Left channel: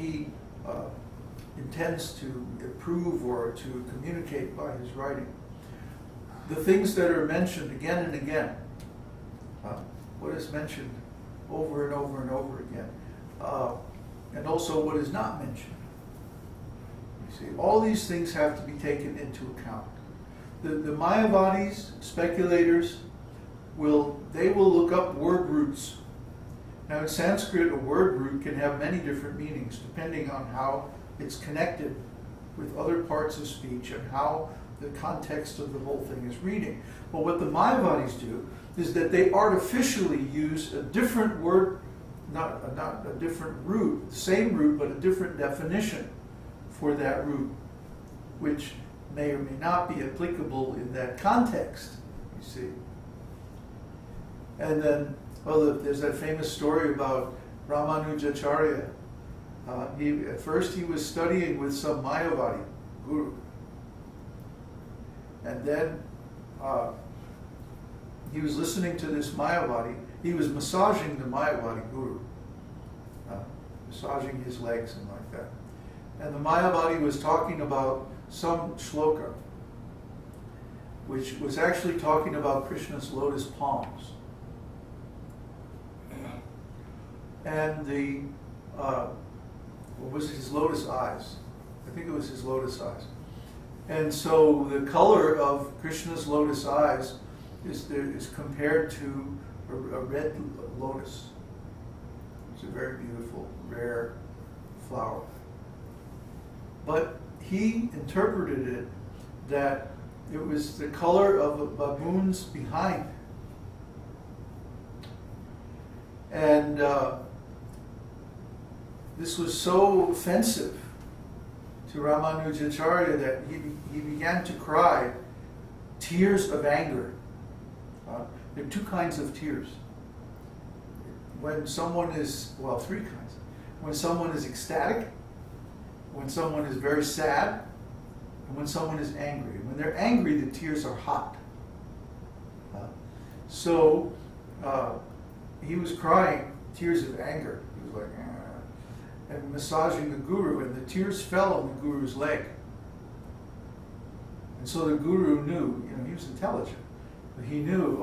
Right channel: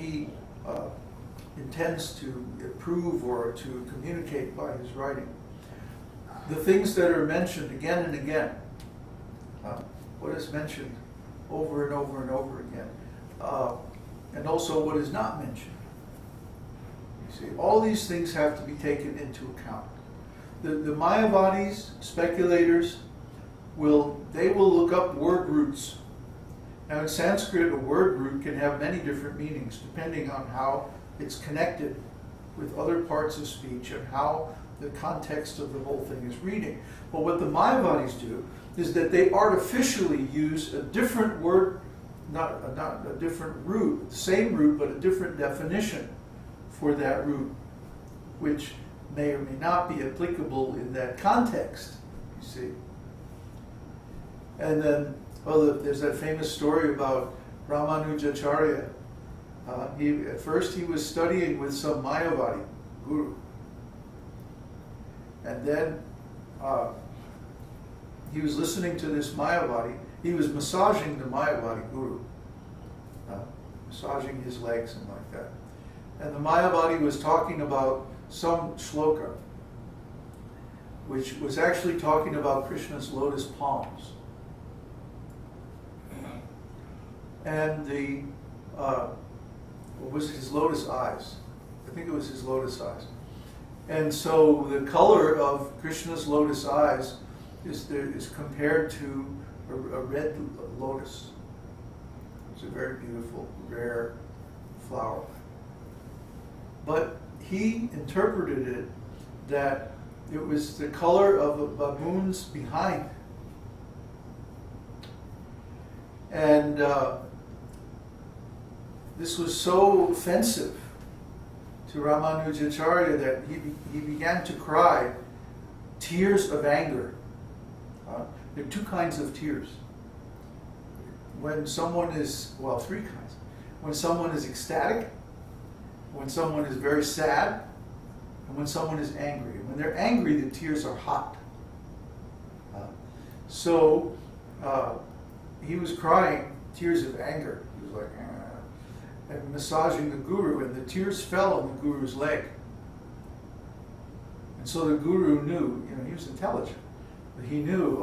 he intends to prove or to communicate by his writing. The things that are mentioned again and again, what is mentioned over and over and over again, and also what is not mentioned. You see, all these things have to be taken into account. The Mayavadis, speculators, will look up word roots. Now in Sanskrit, a word root can have many different meanings depending on how it's connected with other parts of speech and how the context of the whole thing is reading. But what the Mayavadis do is that they artificially use a different word, not a different root, the same root but a different definition for that root, which may or may not be applicable in that context, you see. And then, there's that famous story about Ramanujacharya. At first he was studying with some Mayavadi guru. And then he was listening to this Mayavadi. He was massaging the Mayavadi guru, massaging his legs and like that. And the Mayavadi was talking about some shloka, which was actually talking about Krishna's lotus palms. And what was it, his lotus eyes? I think it was his lotus eyes. And so the color of Krishna's lotus eyes is compared to a red lotus. It's a very beautiful, rare flower. But he interpreted it that it was the color of a baboon's behind. And this was so offensive to Ramanujacharya that he began to cry tears of anger. There are two kinds of tears. When someone is, well, three kinds. When someone is ecstatic, when someone is very sad, and when someone is angry. When they're angry, the tears are hot. So he was crying tears of anger. He was like, and massaging the guru, and the tears fell on the guru's leg. And so the guru knew, he was intelligent, but he knew,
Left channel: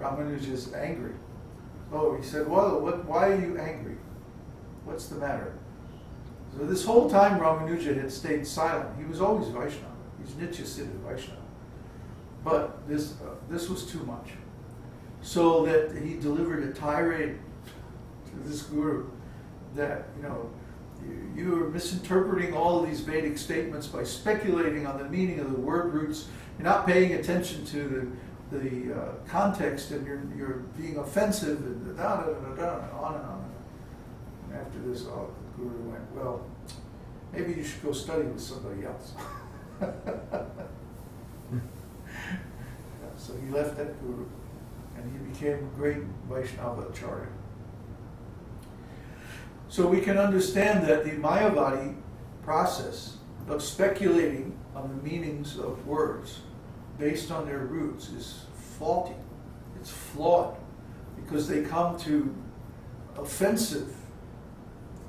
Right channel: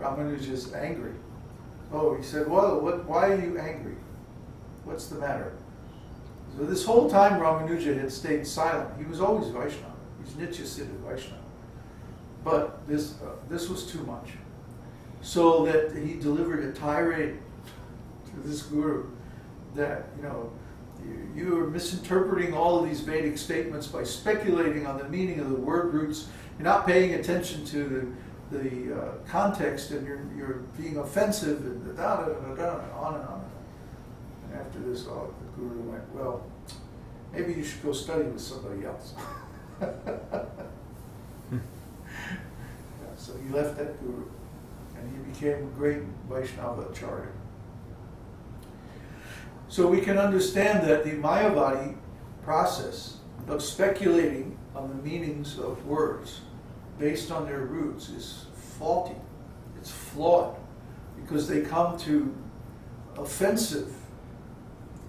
Ramanuja is angry. Oh, he said, well, why are you angry? What's the matter? So this whole time Ramanuja had stayed silent. He was always Vaishnava. He's Nitya-siddha Vaishnava. But this was too much. So that he delivered a tirade to this guru that, you are misinterpreting all of these Vedic statements by speculating on the meaning of the word roots. You're not paying attention to the context, and you're being offensive, and on and on. And after this, the guru went, well, maybe you should go study with somebody else. So he left that guru, and he became a great Vaishnava acharya. So we can understand that the Mayavadi process of speculating on the meanings of words based on their roots is faulty. It's flawed, because they come to offensive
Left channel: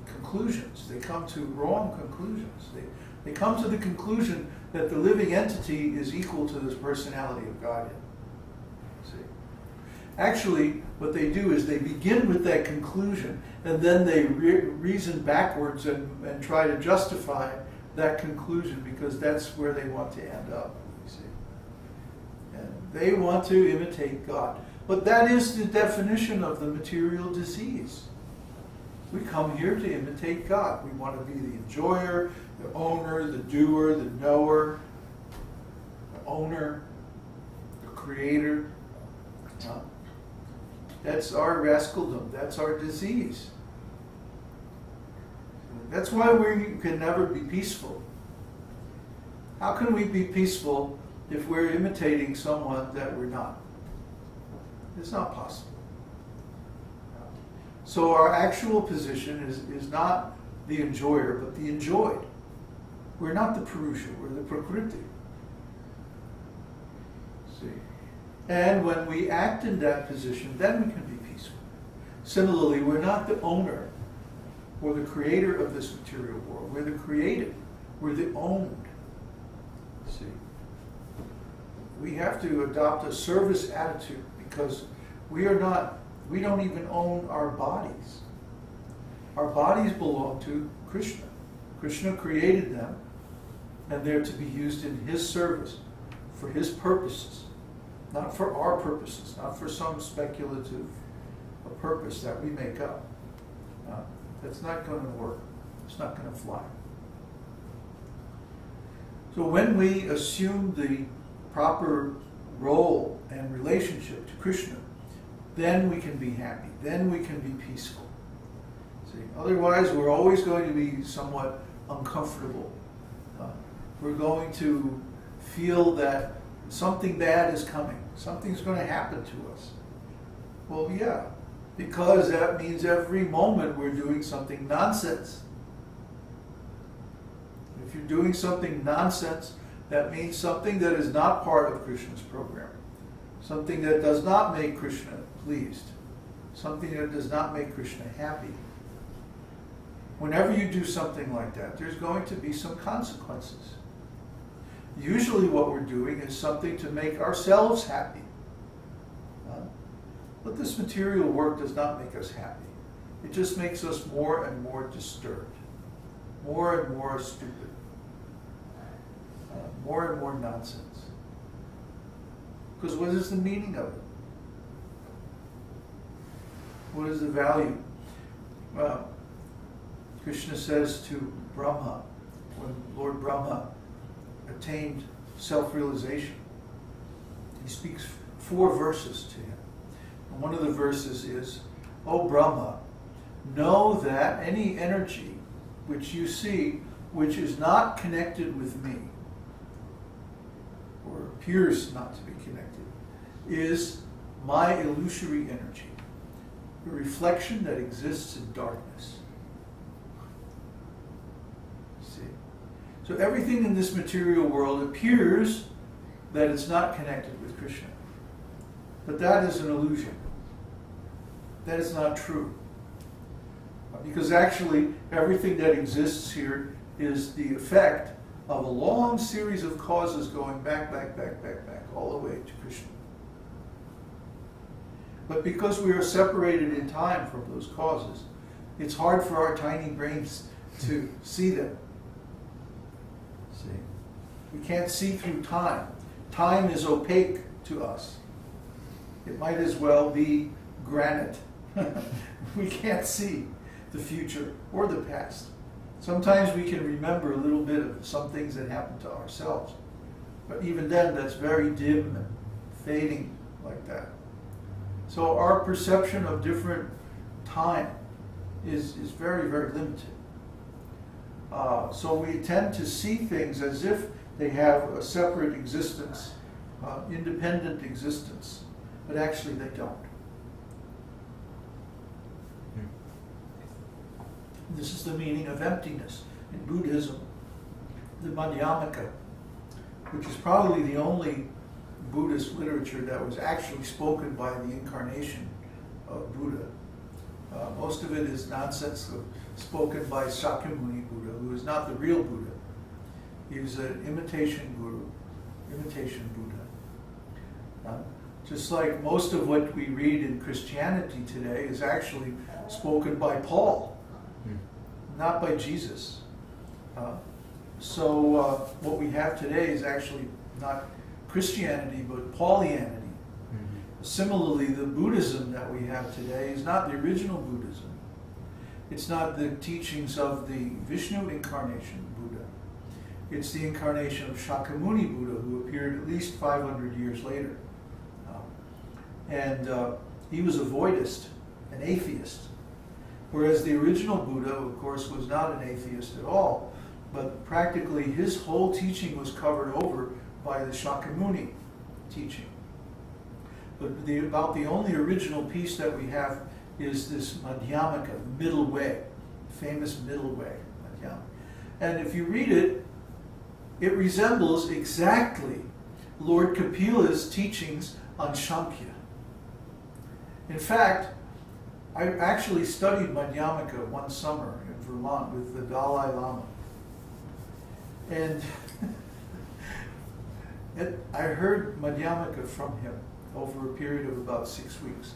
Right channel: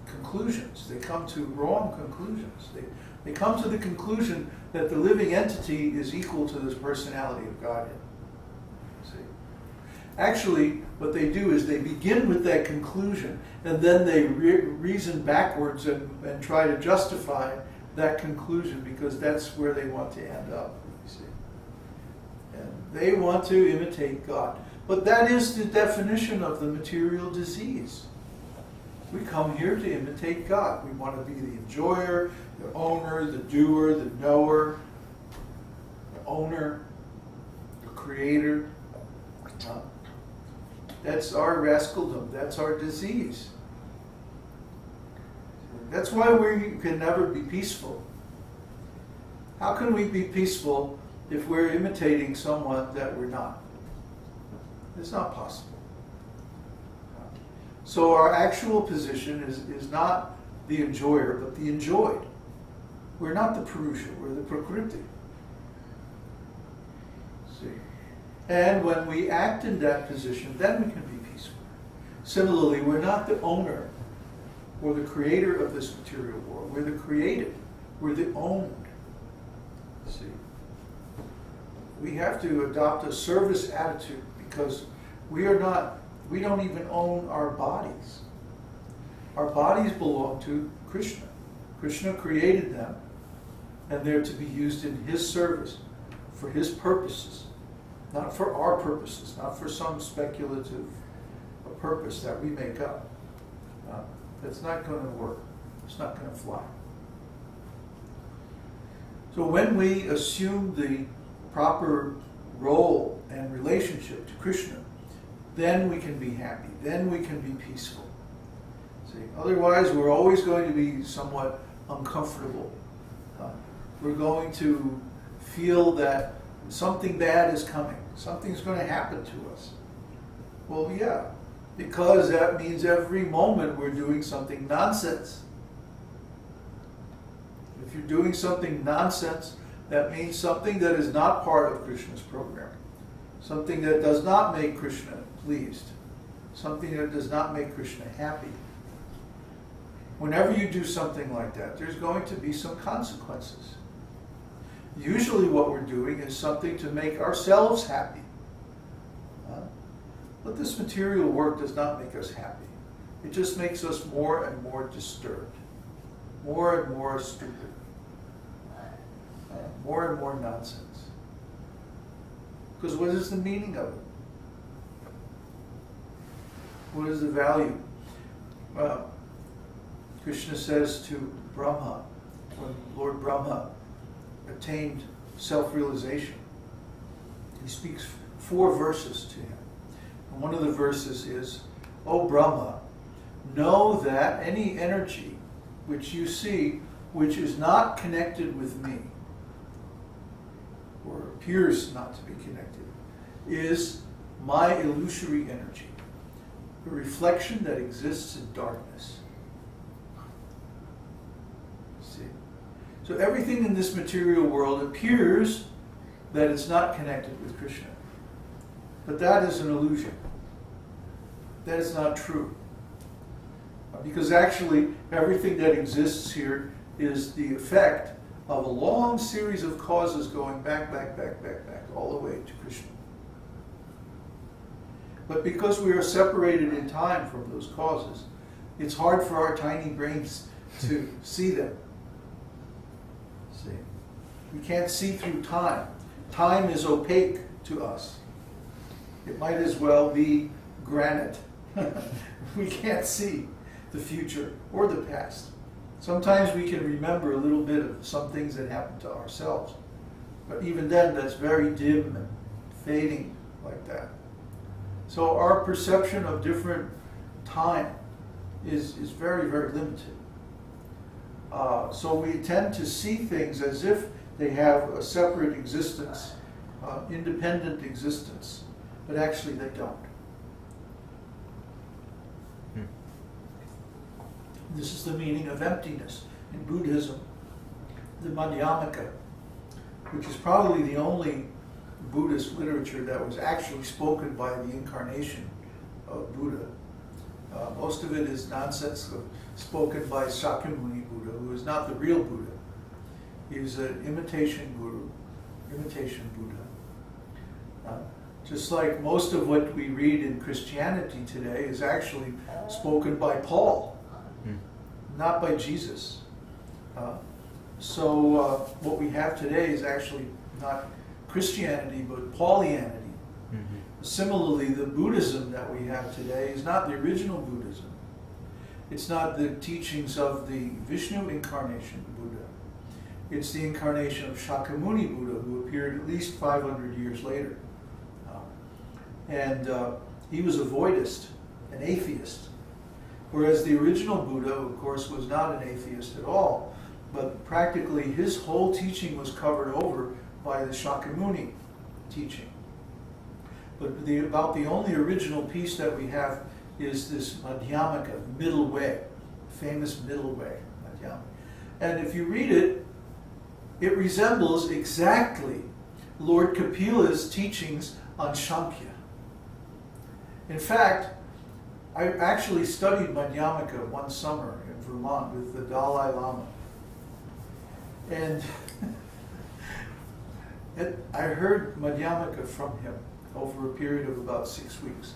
conclusions. They come to wrong conclusions. They come to the conclusion that the living entity is equal to the personality of Godhead. See? Actually, what they do is they begin with that conclusion, and then they reason backwards and try to justify that conclusion, because that's where they want to end up, you see. And they want to imitate God. But that is the definition of the material disease. We come here to imitate God. We want to be the enjoyer, the owner, the doer, the knower, the owner, the creator. That's our rascaldom. That's our disease. That's why we can never be peaceful. How can we be peaceful if we're imitating someone that we're not? It's not possible. So our actual position is not the enjoyer, but the enjoyed. We're not the Purusha, we're the Prakriti. See? And when we act in that position, then we can be peaceful. Similarly, we're not the owner or the creator of this material world. We're the created. We're the owned. See? We have to adopt a service attitude because we don't even own our bodies. Our bodies belong to Krishna. Krishna created them, and they're to be used in His service, for His purposes, not for our purposes, not for some speculative purpose that we make up. That's not going to work. It's not going to fly. So when we assume the proper role and relationship to Krishna, then we can be happy. Then we can be peaceful. See, otherwise we're always going to be somewhat uncomfortable. We're going to feel that something bad is coming. Something's going to happen to us. Well, yeah, because that means every moment we're doing something nonsense. If you're doing something nonsense, that means something that is not part of Krishna's program. Something that does not make Krishna pleased. Something that does not make Krishna happy. Whenever you do something like that, there's going to be some consequences. Usually what we're doing is something to make ourselves happy. But this material work does not make us happy. It just makes us more and more disturbed. More and more stupid. More and more nonsense. Because what is the meaning of it? What is the value? Krishna says to Brahma, when Lord Brahma attained self-realization, he speaks 4 verses to him. And one of the verses is, "O Brahma, know that any energy which you see which is not connected with me, or appears not to be connected, is my illusory energy, a reflection that exists in darkness." See? So everything in this material world appears that it's not connected with Krishna. But that is an illusion. That is not true. Because actually, everything that exists here is the effect of a long series of causes going back, all the way to Krishna. But because we are separated in time from those causes, it's hard for our tiny brains to see them. See? We can't see through time. Time is opaque to us. It might as well be granite. We can't see the future or the past. Sometimes we can remember a little bit of some things that happened to ourselves. But even then, that's very dim and fading like that. So our perception of different time is very, very limited. So we tend to see things as if they have a separate existence, independent existence, but actually they don't. This is the meaning of emptiness in Buddhism. The Madhyamaka, which is probably the only Buddhist literature that was actually spoken by the incarnation of Buddha. Most of it is nonsense spoken by Shakyamuni Buddha, who is not the real Buddha. He was an imitation guru, imitation Buddha. Just like most of what we read in Christianity today is actually spoken by Paul, not by Jesus. So what we have today is actually not Christianity, but Paulianity. Similarly, the Buddhism that we have today is not the original Buddhism. It's not the teachings of the Vishnu incarnation Buddha. It's the incarnation of Shakyamuni Buddha, who appeared at least 500 years later. He was a voidist, an atheist. Whereas the original Buddha, of course, was not an atheist at all, but practically his whole teaching was covered over by the Shakyamuni teaching. But about the only original piece that we have is this Madhyamaka, middle way, famous middle way, Madhyamaka. And if you read it, it resembles exactly Lord Kapila's teachings on Samkhya. In fact, Lord Kapila, in his 5 Suttas, he speaks 4 verses to Krishna. And he says, "O Brahma, know that any energy which you see which is not connected with me, or appears not to be connected, is my illusory energy, a reflection that exists in darkness." In fact, I actually studied Madhyamaka one summer in Vermont with the Dalai Lama. And I heard Madhyamaka from him over a period of about 6 weeks.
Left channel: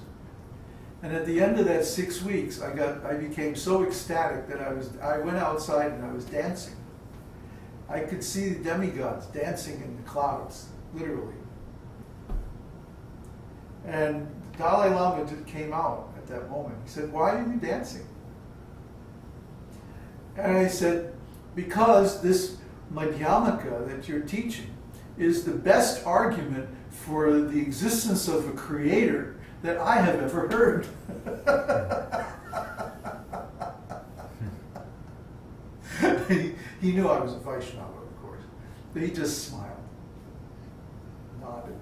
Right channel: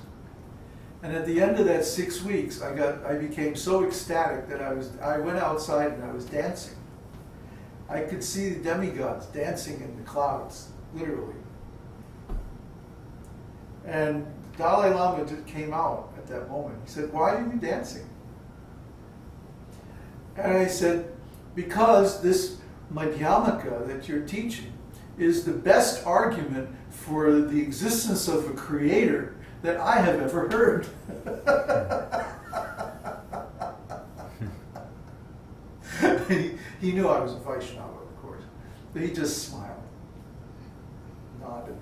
And at the end of that 6 weeks, I became so ecstatic that I went outside and I was dancing. I could see the demigods dancing in the clouds, literally. And Dalai Lama came out at that moment. He said, "Why are you dancing?" And I said, "Because this Madhyamaka that you're teaching is the best argument for the existence of a creator that I have ever heard." He knew I was a Vaishnava, of course, but he just smiled, nodded.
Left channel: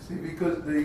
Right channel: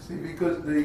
See, because the